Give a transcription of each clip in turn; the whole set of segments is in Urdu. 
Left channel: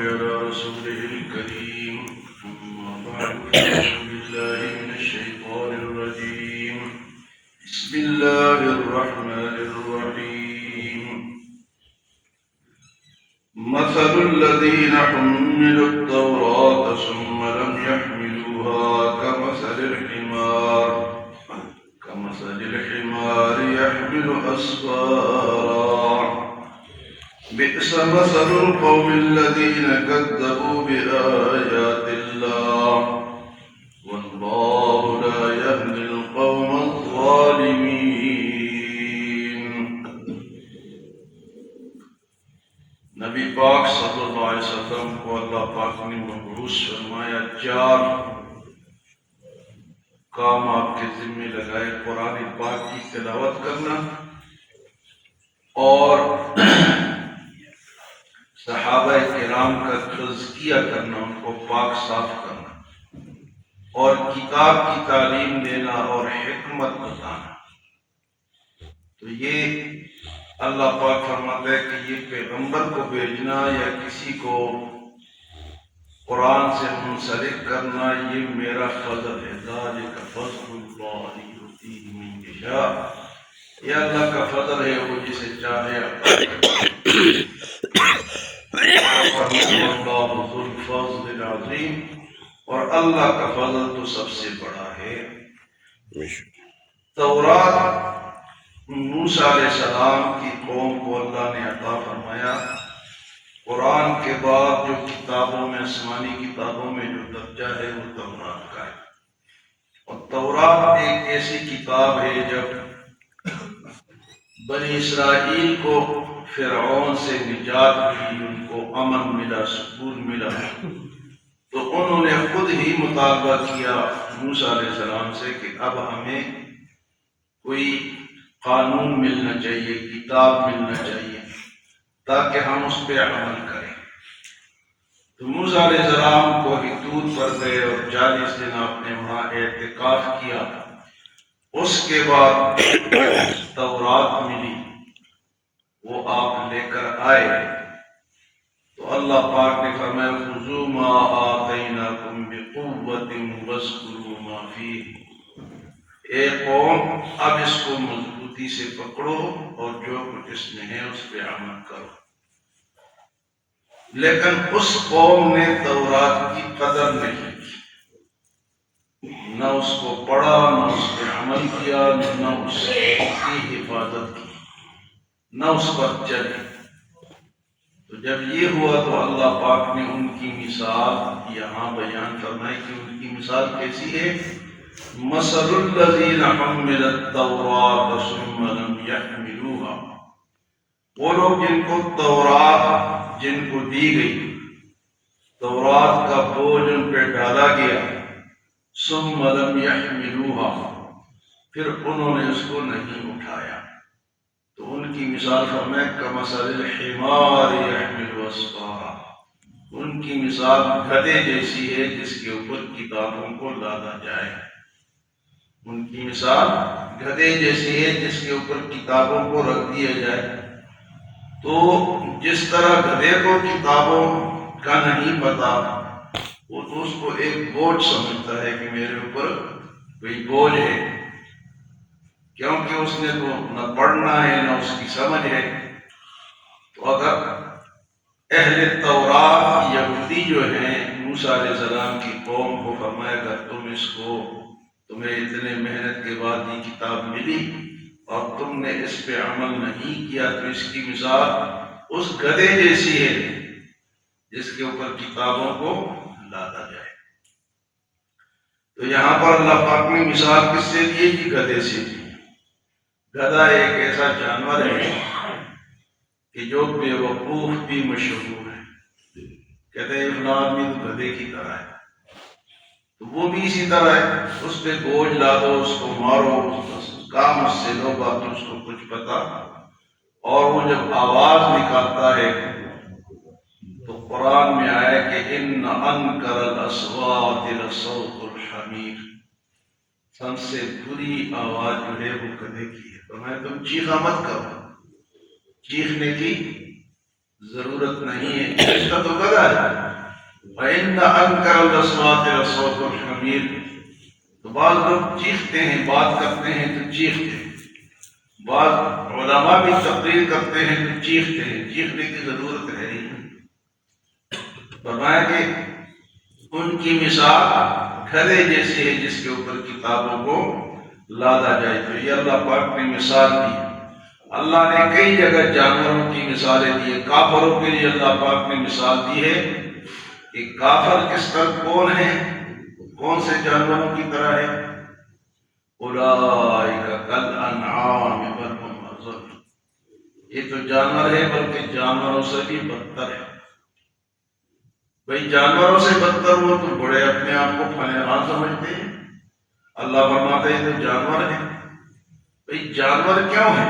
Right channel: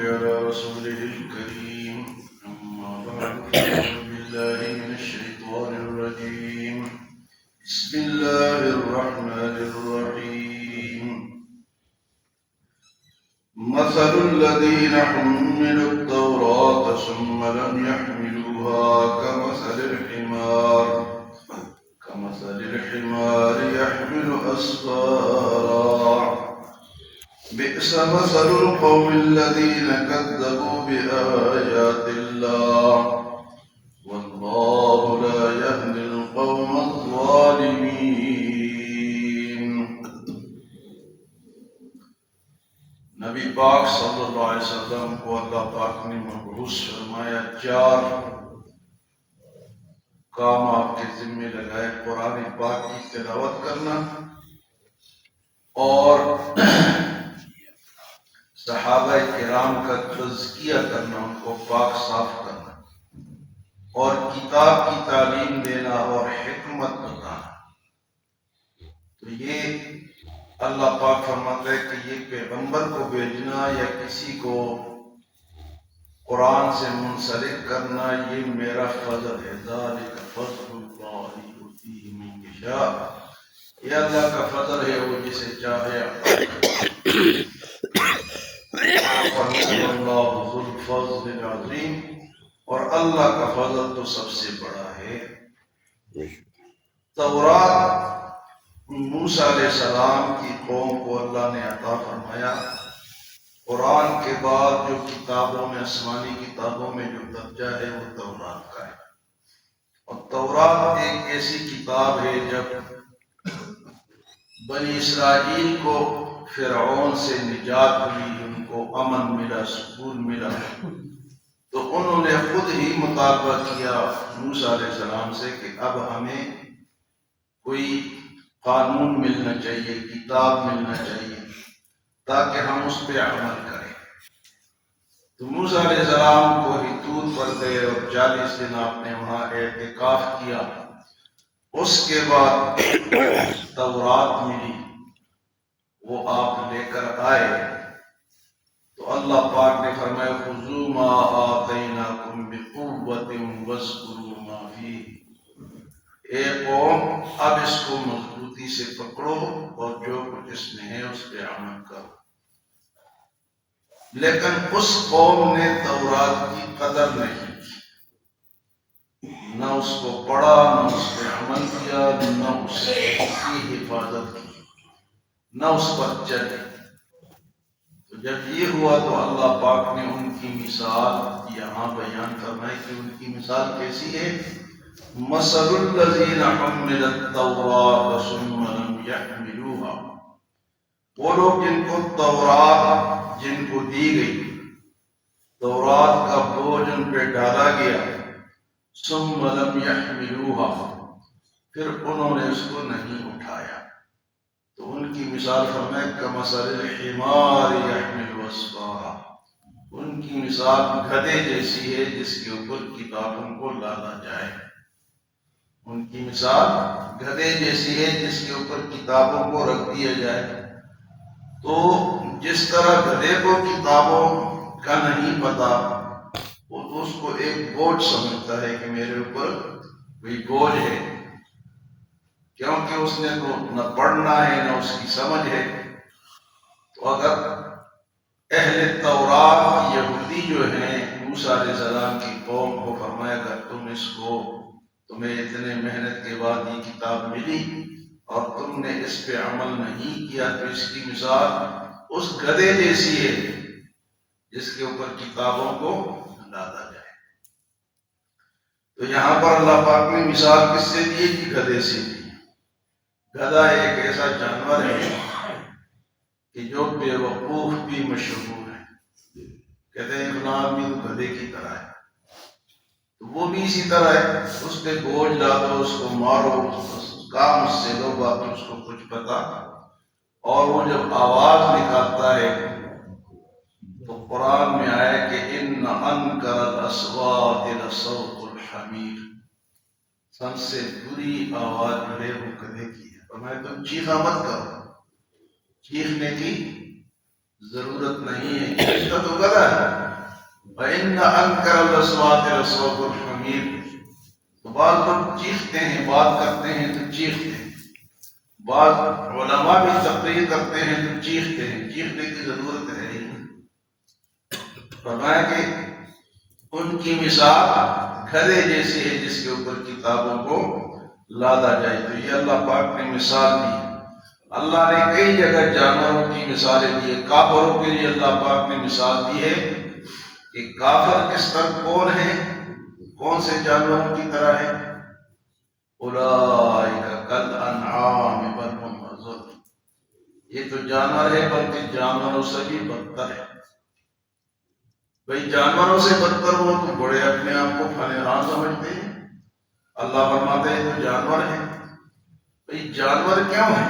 على رسوله الكريم أما بعد أعوذ بالله من الشيطان الرجيم بسم الله الرحمن الرحيم مثل الذين حملوا التوراة ثم لم يحملوها كمثل الحمار يحمل أسفارا بئس مثل القوم الذين كذبوا بآيات الله والله لا يهدي القوم الظالمين. نبی پاک صلی اللہ علیہ وسلم کو اللہ پاک نے مبعوث فرمایا، 4 کام آپ کے ذمہ لگائے: قرآن پاک کی تلاوت کرنا اور صحابہ کرام کا تزکیہ کرنا، ان کو پاک صاف کرنا، اور کتاب کی تعلیم دینا اور حکمت بتانا. تو یہ اللہ پاک فرماتا ہے کہ یہ پیغمبر کو بھیجنا یا کسی کو قرآن سے منسلک کرنا یہ میرا فضل ہے. ذالک فضل اللہ یؤتیہ من یشاء، یہ اللہ کا فضل ہے، وہ جسے چاہے اللہ ذو الفضل العظیم، اور اللہ کا فضل تو سب سے بڑا ہے. تورات موسیٰ علیہ السلام کی قوم کو اللہ نے عطا فرمایا. قرآن کے بعد جو کتابوں میں، آسمانی کتابوں میں جو درجہ ہے وہ تورات کا ہے. اور تورات ایک ایسی کتاب ہے، جب بنی اسرائیل کو فرعون سے نجات ملی، ان کو امن ملا، سکون ملا، تو انہوں نے خود ہی مطالبہ کیا موسیٰ علیہ السلام سے کہ اب ہمیں کوئی قانون ملنا چاہیے، کتاب ملنا چاہیے تاکہ ہم اس پہ عمل کریں. تو موسیٰ علیہ السلام کو طور پر گئے اور 40 دن آپ نے وہاں اعتکاف کیا. اس کے بعد تورات ملی، وہ آپ لے کر آئے. تو اللہ پاک نے فرمایا خذوا ما آتیناکم بقوۃ واذکروا ما فیہ، اے قوم اب اس کو مضبوطی سے پکڑو اور جو کچھ اس میں ہے اس پہ عمل کرو. لیکن اس قوم نے تورات کی قدر نہیں کی، نہ اس کو پڑھا، نہ اس پہ عمل کیا، نہ اس کی حفاظت کی، نہ اس پر چلے. تو جب یہ ہوا تو اللہ پاک نے ان کی مثال یہاں بیان فرمائی کہ ان کی مثال کیسی ہے. مثل الذین حملوا التوراۃ ثم لم یحملوها، وہ لوگ جن کو تورات جن کو دی گئی، تورات کا بوجھ ان پہ ڈالا گیا، ثم لم یحملوها، پھر انہوں نے اس کو نہیں اٹھایا. تو ان کی مثال فرمائے کمثل الحمار یحمل اسفارا، ان کی مثال گدھے جیسی ہے جس کے اوپر کتابوں کو لادا جائے. ان کی مثال گدھے جیسی ہے جس کے اوپر کتابوں کو رکھ دیا جائے. تو جس طرح گدھے کو کتابوں کا نہیں پتا، وہ تو اس کو ایک بوجھ سمجھتا ہے کہ میرے اوپر کوئی بوجھ ہے، کیونکہ اس نے تو نہ پڑھنا ہے نہ اس کی سمجھ ہے. تو اگر اہل تورات یہودی جو ہیں موسیٰ علیہ السلام کی قوم کو فرمایا اگر تمہیں اتنے محنت کے بعد یہ کتاب ملی اور تم نے اس پہ عمل نہیں کیا، تو اس کی مثال اس گدھے جیسی ہے جس کے اوپر کتابوں کو لادا جائے. تو یہاں پر اللہ پاک نے مثال کس سے دی کہ گدھے سے دی. گدھا ایک ایسا جانور ہے کہ جو بے وقوف بھی مشہور ہے. کہتے ہیں فلاں آدمی تو گدھے کی طرح ہے، تو وہ بھی اسی طرح ہے. اس پہ بوجھ لا دو، اس کو مارو، بس کام اس سے لو، باقی اس کو کچھ پتا. اور وہ جب آواز نکالتا ہے تو قرآن میں آیا کہ ان انکر الاصوات لصوت الحمیر، سب سے بری آواز جو ہے وہ گدھے کی ہے. فرمایا تم چیخا مت کرو، چیخنے کی ضرورت نہیں ہے، اس کا تو گدا ہے۔ فَإِنَّ أَنكَرَ الْأَصْوَاتِ لَصَوْتُ الْحَمِيرِ۔ تو بعض لوگ چیختے ہیں، بات کرتے ہیں تو چیختے ہیں، بعض علماء بھی تقریر کرتے ہیں تو چیختے ہیں، چیخنے کی ضرورت ہے ہی نہیں۔ فرمایا کہ ان کی مثال گدھے جیسی ہے جس کے اوپر کتابوں کو لادا جائے۔ تو یہ اللہ پاک نے مثال دی ہے۔ اللہ نے کئی جگہ جانوروں کی مثالیں دی ہے۔ کافروں کے لیے اللہ پاک نے مثال دی ہے کہ کافر کس طرح کون ہے، کون سے جانوروں کی طرح ہے۔ اولئک کالانعام بل هم اضل۔ یہ تو جانور ہے بلکہ جانوروں سے بھی بدتر ہے۔ بھئی جانوروں سے بدتر ہو تو بڑے اپنے آپ کو فلاں سمجھتے ہیں۔ اللہ فرماتے ہیں تو جانور ہے۔ بھئی جانور کیوں ہے؟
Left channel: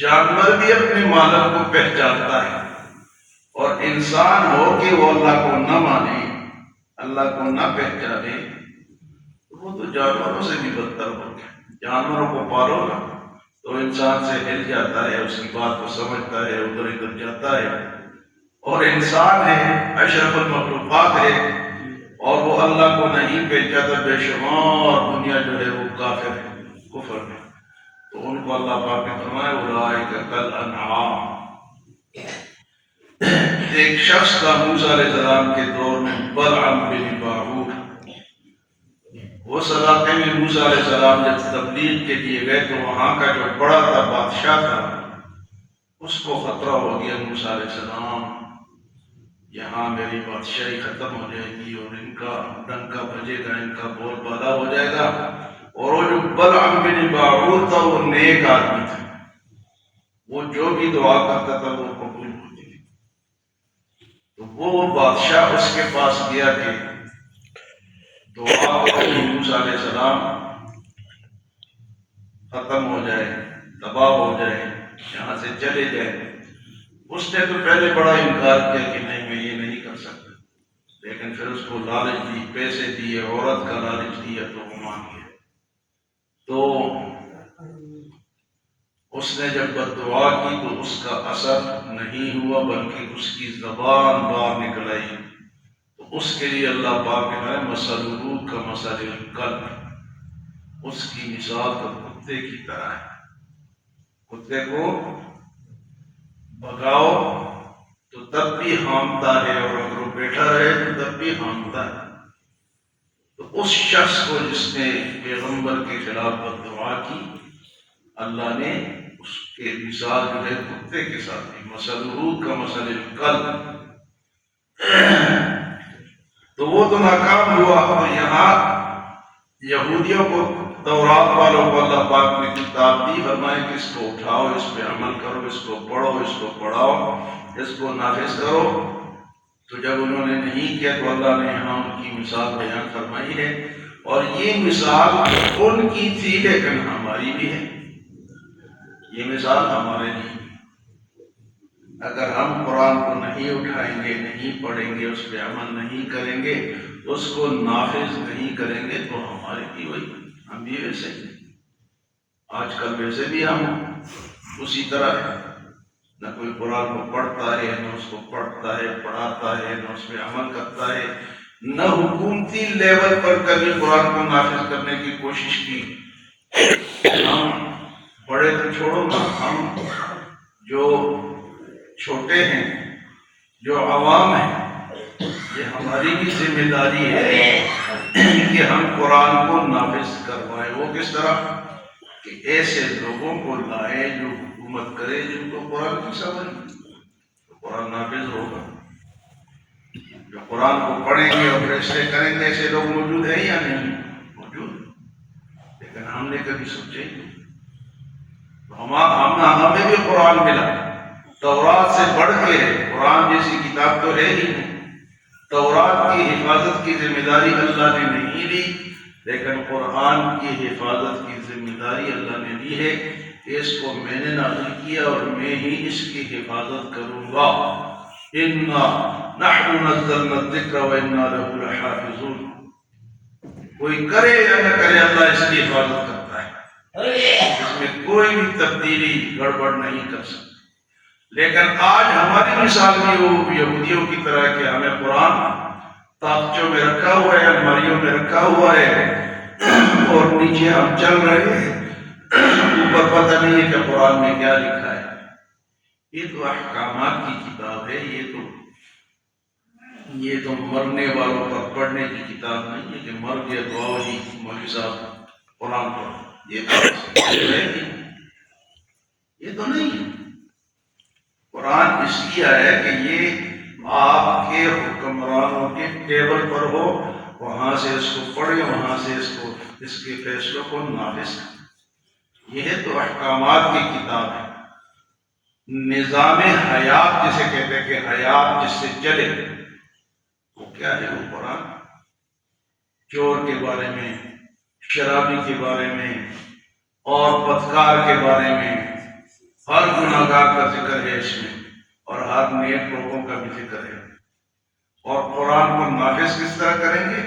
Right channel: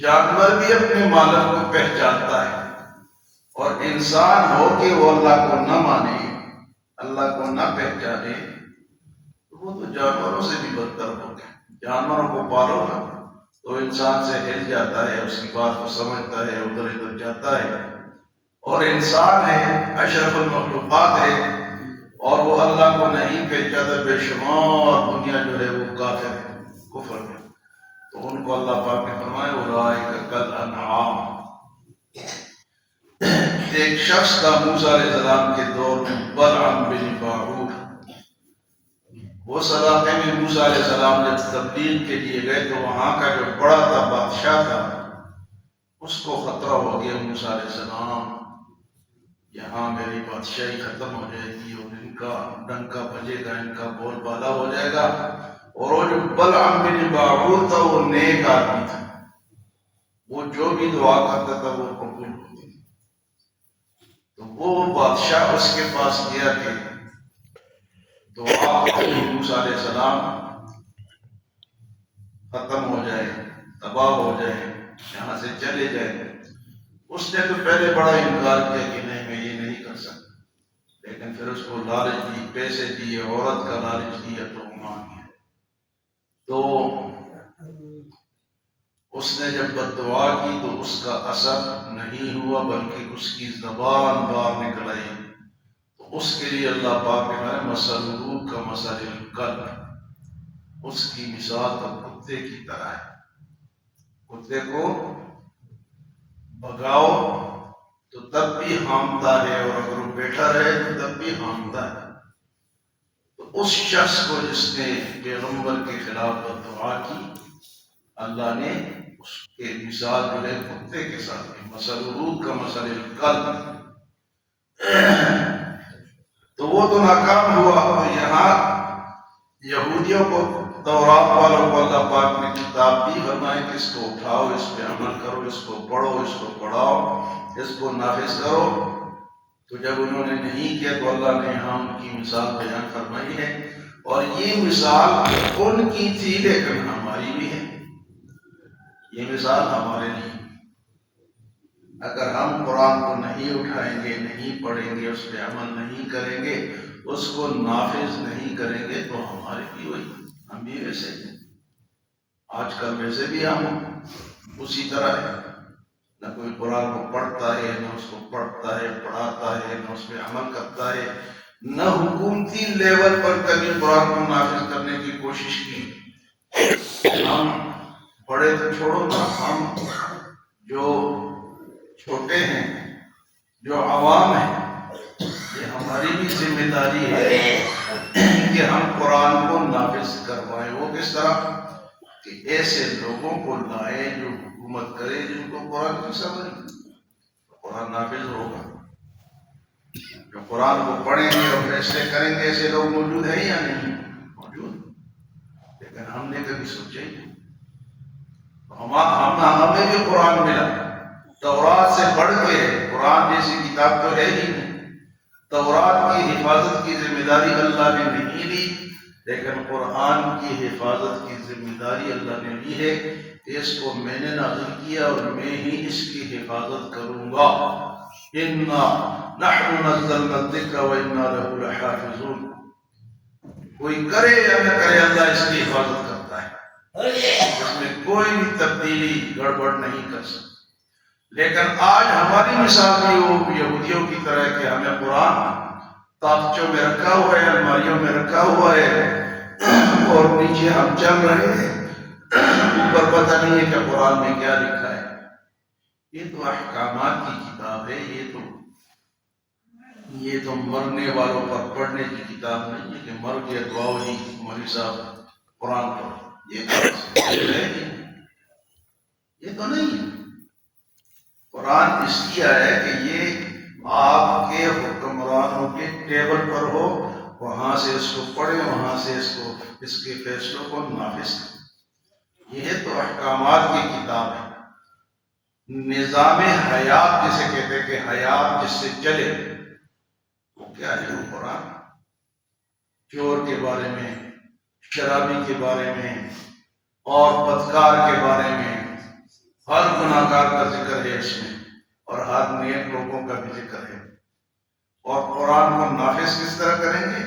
جانور بھی اپنے مالک کو پہچانتا ہے، اور انسان ہو کہ وہ اللہ کو نہ مانے، اللہ کو نہ پہچانے، تو وہ تو جانوروں سے بھی بدتر ہو گیا۔ جانوروں کو پالو نا تو انسان سے ہل جاتا ہے، اس کی بات کو سمجھتا ہے، ادھر ادھر جاتا ہے، اور انسان ہے، اشرف المخلوقات ہے، اور وہ اللہ کو نہیں پہچاتا، بے شمار دنیا جو ہے وہ کافر ہے، کفر ہے۔ تو ان کو اللہ پاک نے فرمایا اولئک کالانعام۔ ایک شخص کا موسیٰ علیہ السلام کے دور میں بلعم بن باعور، اس علاقے میں موسیٰ علیہ السلام جب تبلیغ کے لیے گئے تو وہاں کا جو بڑا تھا بادشاہ تھا، اس کو خطرہ ہو گیا موسیٰ علیہ السلام یہاں میری بادشاہی ختم ہو جائے گی، اور ان کا ڈنکا بجے گا، ان کا بول بالا ہو جائے گا۔ اور وہ جو بلعم بن باعور تھا وہ نیک آدمی تھا، وہ جو بھی دعا کرتا تھا وہ قبول ہوتی تھی۔ تو وہ بادشاہ اس کے پاس گیا کہ دعا موسیٰ علیہ السلام ختم ہو جائے، تباہ ہو جائے، یہاں سے چلے جائے۔ اس نے تو پہلے بڑا انکار کیا کہ نہیں میں یہ نہیں کر سکتا، لیکن پھر اس کو لالچ دی، پیسے دیے، عورت کا لالچ دیا تو وہ مان گیا۔ تو اس نے جب بد دعا کی تو اس کا اثر نہیں ہوا، بلکہ اس کی زبان باہر نکل آئی۔ تو اس کے لیے اللہ پاک نے مثلہ کمثل الکلب، اس کی مثال تو کتے کی طرح ہے۔ کتے کو بھگاؤ تو تب بھی ہانپتا ہے، اور اگر وہ بیٹھا رہے تو تب بھی ہانپتا ہے۔ تو اس شخص کو جس نے پیغمبر کے خلاف بد دعا کی، اللہ نے اس کے مثال جو ہے کتے کے ساتھ دی، مثلہ کمثل الکلب۔ تو وہ تو ناکام ہوا۔ اور یہاں یہودیوں کو، تورات والوں کو اللہ پاک نے کتاب دی، فرمائے کہ اس کو اٹھاؤ، اس پہ عمل کرو، اس کو پڑھو، اس کو پڑھاؤ، اس کو نافذ کرو۔ تو جب انہوں نے نہیں کیا تو اللہ نے یہاں ان کی مثال بیان فرمائی ہے، اور یہ مثال ان کی تھی لیکن ہماری بھی ہے۔ یہ مثال ہمارے لیے، اگر ہم قرآن کو نہیں اٹھائیں گے، نہیں پڑھیں گے، اس پہ عمل نہیں کریں گے، اس کو نافذ نہیں کریں گے تو ہمارے بھی وہی، ہم بھی ویسے ہی۔ آج کل ویسے بھی ہم اسی طرح ہے، نہ کوئی قرآن کو پڑھتا ہے، نہ اس کو پڑھتا ہے، پڑھاتا ہے، نہ اس پہ عمل کرتا ہے، نہ حکومتی لیول پر کبھی قرآن کو نافذ کرنے کی کوشش کی۔ ہم بڑے تو چھوڑو نا، ہم جو چھوٹے ہیں، جو عوام ہیں، یہ ہماری بھی ذمہ داری ہے کہ ہم قرآن کو نافذ کروائیں۔ وہ کس طرح کہ ایسے لوگوں کو لائیں جو حکومت کرے، جن کو قرآن کی سمجھ، تو قرآن نافذ ہوگا۔ جو قرآن کو پڑھیں گے اور فیصلے کریں گے، ایسے لوگ موجود ہیں یا نہیں موجود؟ لیکن ہم نے کبھی سوچے ہمیں بھی قرآن ملا، تورات سے بڑھ کے ہے، قرآن جیسی کتاب تو ہے ہی نہیں۔ تورات کی حفاظت کی ذمہ داری اللہ نے نہیں لی، لیکن قرآن کی حفاظت کی ذمہ داری اللہ نے لی ہے کہ اس کو میں نے نازل کیا اور میں ہی اس کی حفاظت کروں گا۔ اِنَّا نَحْنُ نَزَّلْنَا الذِّكْرَ وَإِنَّا لَهُ لَحَافِظُونَ۔ کوئی کرے یا نہ کرے، اللہ اس کی حفاظت کرتا ہے، اس میں کوئی بھی تبدیلی گڑبڑ نہیں کر سکتا۔ لیکن آج ہماری مثال بھی وہ یہودیوں کی طرح ہے کہ ہمیں قرآن تاخچوں میں رکھا ہوا ہے، الماریوں میں رکھا ہوا ہے، اور نیچے ہم چل رہے ہیں، اوپر پتہ نہیں ہے کہ قرآن میں کیا لکھا ہے۔ یہ تو احکامات کی کتاب ہے، یہ تو مرنے والوں پر پڑھنے کی کتاب نہیں ہے کہ مر گیا دعا جی مولوی صاحب قرآن پڑھ، یہ تو نہیں ہے۔ قرآن اس لیے آیا کہ یہ آپ کے حکمرانوں کے ٹیبل پر ہو، وہاں سے اس کو پڑھیں، وہاں سے اس کے فیصلوں کو نافذ کریں۔ یہ تو احکامات کی کتاب ہے۔ نظام حیات جسے کہتے ہیں کہ حیات جس سے چلے، وہ کیا ہے؟ وہ قرآن چور کے بارے میں، شرابی کے بارے میں، اور بدکار کے بارے میں، ہر گناہگار کا ذکر ہے اس میں، اور ہر نیک لوگوں کا بھی ذکر ہے۔ اور قرآن کو نافذ کس طرح کریں گے؟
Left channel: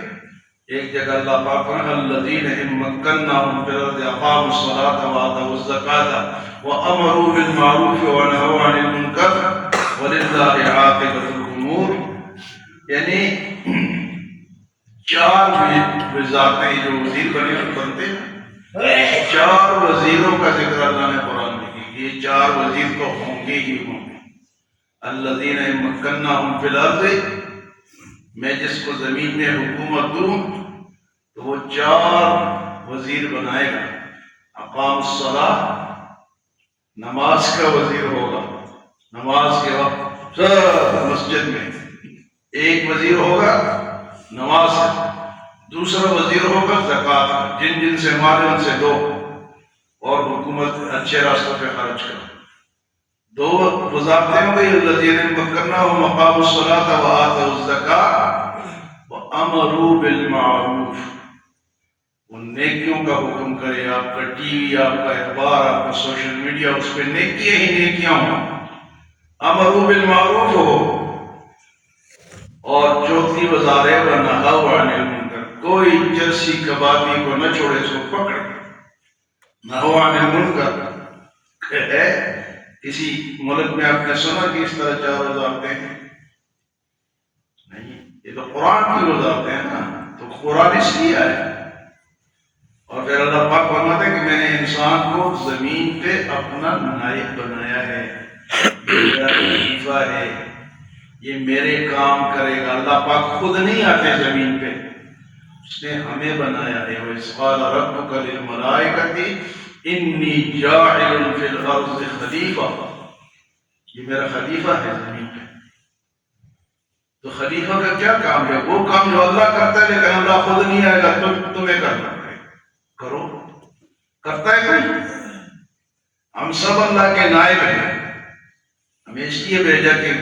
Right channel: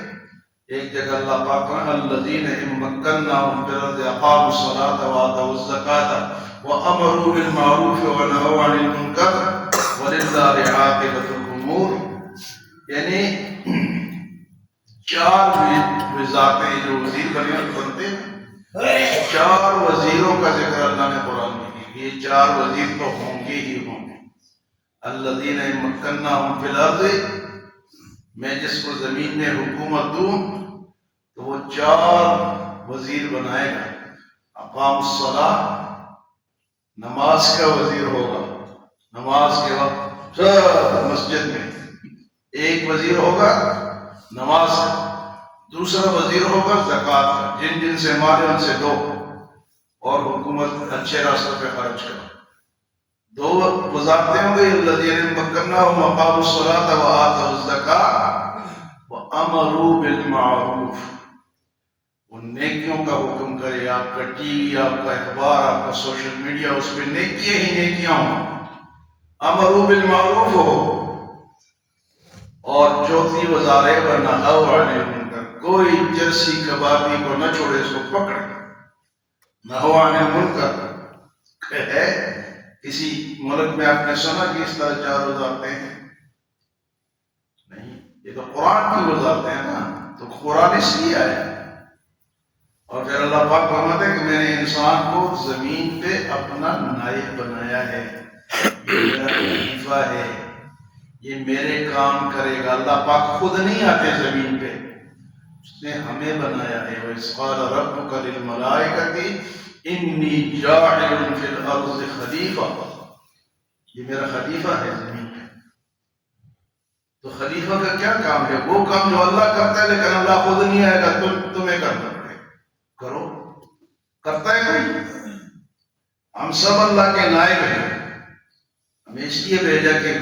ایک جگہ اللہ پاک نے الذین ان مکناہم فی الارض اقاموا الصلاۃ وآتوا الزکاۃ وامروا بالمعروف ونہوا عن المنکر وللہ عاقبۃ الامور، یعنی چار وزارتیں جو وزیر بنتے ہیں، چار وزیروں کا ذکر اللہ نے قرآن میں کی۔ یہ چار وزیر تو ہوں گے ہی ہوں گے۔ الذین ان مکناہم فی الارض، میں جس کو زمین میں حکومت دوں تو وہ چار وزیر بنائے گا۔ اقام الصلاۃ، نماز کا وزیر ہوگا، نماز کے وقت سب مسجد میں ایک وزیر ہوگا نماز کا، دوسرا وزیر ہوگا زکوٰۃ کا، جن جن سے مال ان سے دو اور حکومت اچھے راستوں پہ خرچ کرو۔ دو وزارتیں ہوں گئی، الذین مکناہم اقاموا الصلاۃ وآتوا الزکاۃ وامروا بالمعروف، ان نیکیوں کا حکم کرے۔ آپ کا ٹی وی، آپ کا اخبار، آپ کا سوشل میڈیا، اس پہ نیکیاں ہی نیکیاں ہوں، امروا بالمعروف ہو۔ اور چوتھی وزارت ہے ونہوا عن المنکر، کوئی جرسی کبابی کو نہ چھوڑے، اس کو پکڑے۔ نہوا عن المنکر ہے، کسی ملک میں آپ نے سنا کہ اس طرح چار وزارتیں ہیں؟ نہیں، یہ تو قرآن کی وزارتیں ہیں نا، تو قرآن اس لیے آیا۔ اور پھر اللہ پاک فرماتے ہیں کہ میں نے انسان کو زمین پہ اپنا نائب بنایا ہے، یہ میرا خلیفہ ہے، یہ میرے کام کرے گا۔ اللہ پاک خود نہیں آتے زمین پہ، اس نے ہمیں بنایا ہے۔ وَإِذْ قَالَ رَبُّكَ لِلْمَلَائِكَةِ إِنِّي جَاعِلٌ فِي الْأَرْضِ خَلِيفَةً، یہ میرا خلیفہ ہے زمین پہ۔ تو خلیفہ کا کیا کام ہے؟ وہ کام جو اللہ کرتا ہے، لیکن اللہ خود نہیں آئے گا، تمہیں کرنا پڑے گا، کرو۔ کرتا ہے کوئی؟ ہم سب اللہ کے نائب ہیں، ہمیں اس لیے بھیجا کہ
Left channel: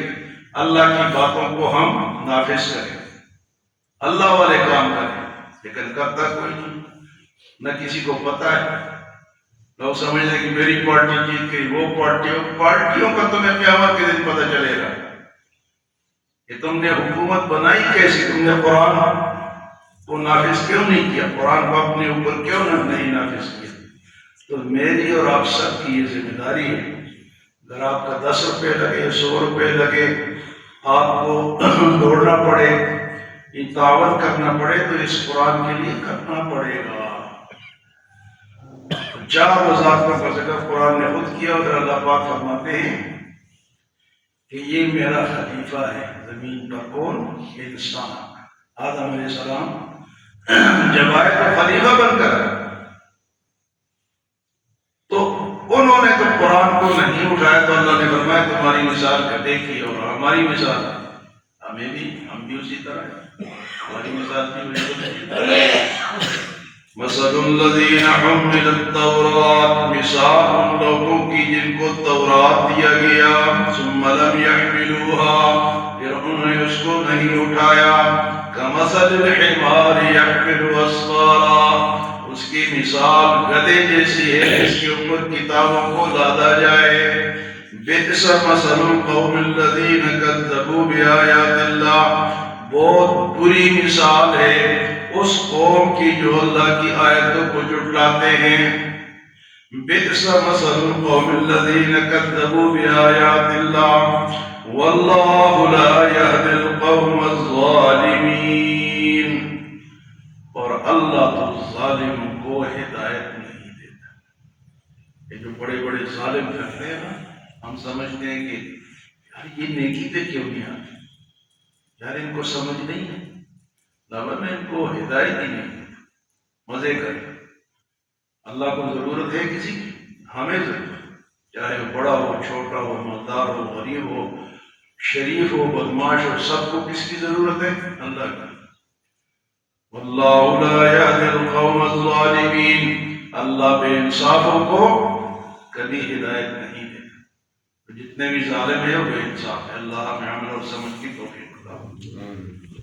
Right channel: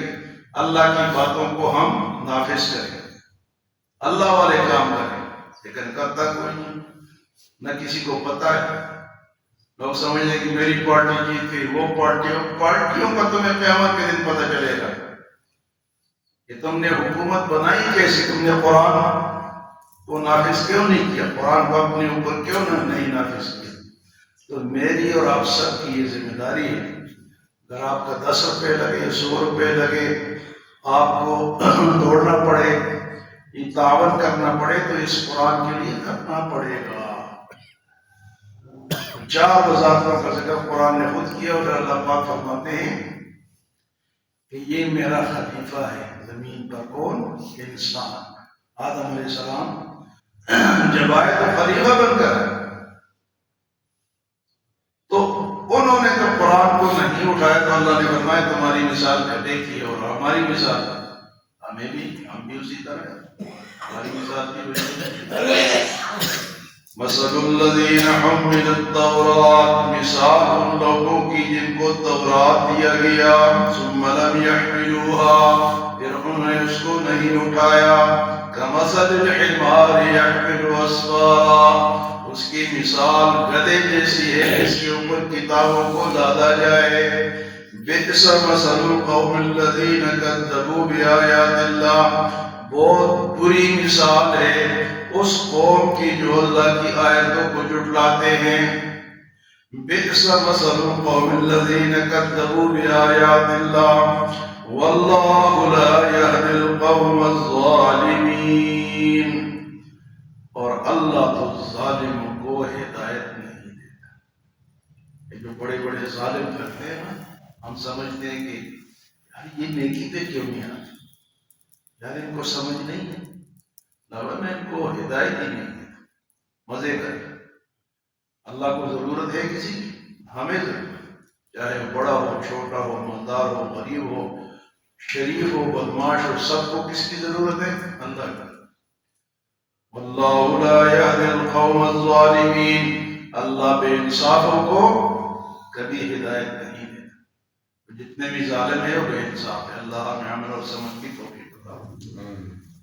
اللہ کی باتوں کو ہم نافذ کریں، اللہ والے کام کریں، لیکن کرتا کوئی نہیں، نہ کسی کو پتہ ہے۔ لوگ سمجھتے کہ میری پارٹی جیت گئی، وہ پارٹیوں کا تمہیں قیامت کے دن پتہ چلے گا کہ تم نے حکومت بنائی کیسی، تم نے قرآن کو نافذ کیوں نہیں کیا، قرآن کو اپنے اوپر کیوں نہیں نافذ کیا۔ تو میری اور آپ سب کی یہ ذمہ داری ہے۔ اگر آپ کا 10 روپے لگے، 100 روپے لگے، آپ کو دوڑنا پڑے، یہ تعاون کرنا پڑے، تو اس قرآن کے لیے کرنا پڑے گا۔ چار وزارتوں کا ذکر قرآن نے خود کیا، اور اللہ پاک فرماتے ہیں کہ یہ میرا خلیفہ ہے زمین پر۔ کون؟ انسان۔ آدم علیہ السلام جب آئے تو خلیفہ بن کر، تو انہوں نے تو قرآن کو نہیں اٹھایا، تو اللہ نے فرمایا تمہاری مثال گدھے کی ہے، اور ہماری مثال ہم بھی اسی طرح ہے، ہماری مثال بھی وہی ہے۔ مثل الذین حملوا التوراۃ، مثال ان لوگوں کی جن کو تورات دیا گیا، ثم لم يحملوها، پھر انہوں نے اس کو نہیں اٹھایا، کمثل الحمار يحمل اسفارا، اس کی مثال گدھے جیسی ہے جس کے اوپر کتابوں کو لادا جائے۔ بئس مثل القوم الذین کذبوا بآیات اللہ، بہت بری مثال ہے اس قوم کی جو اللہ کی آیتوں کو جھٹلاتے ہیں۔ بئس مثل القوم الذين كذبوا بآيات الله والله لا يهدي القوم الظالمين. اور اللہ تو ظالم کو ہدایت نہیں دیتا. یہ جو بڑے بڑے ظالم کرتے ہیں نا، ہم سمجھتے ہیں کہ یار یہ نیکی پہ کیوں نہیں آتے، یار ان کو سمجھ نہیں ہے، ورنہ ان کو ہدایت ہی نہیں دیتا. مزے کریں. اللہ کو ضرورت ہے کسی کی؟ ہمیں ضرورت، چاہے وہ بڑا ہو، چھوٹا ہو، مالدار ہو، غریب ہو، شریف ہو، بدماش ہو، سب کو کس کی ضرورت ہے؟ اللہ کی. واللہ لا یہدی القوم الظالمین. اللہ بے انصافوں کو کبھی ہدایت نہیں دیتا. جتنے بھی ظالم ہیں وہ بے انصاف ہے. اللہ ہمیں عمل اور سمجھ کی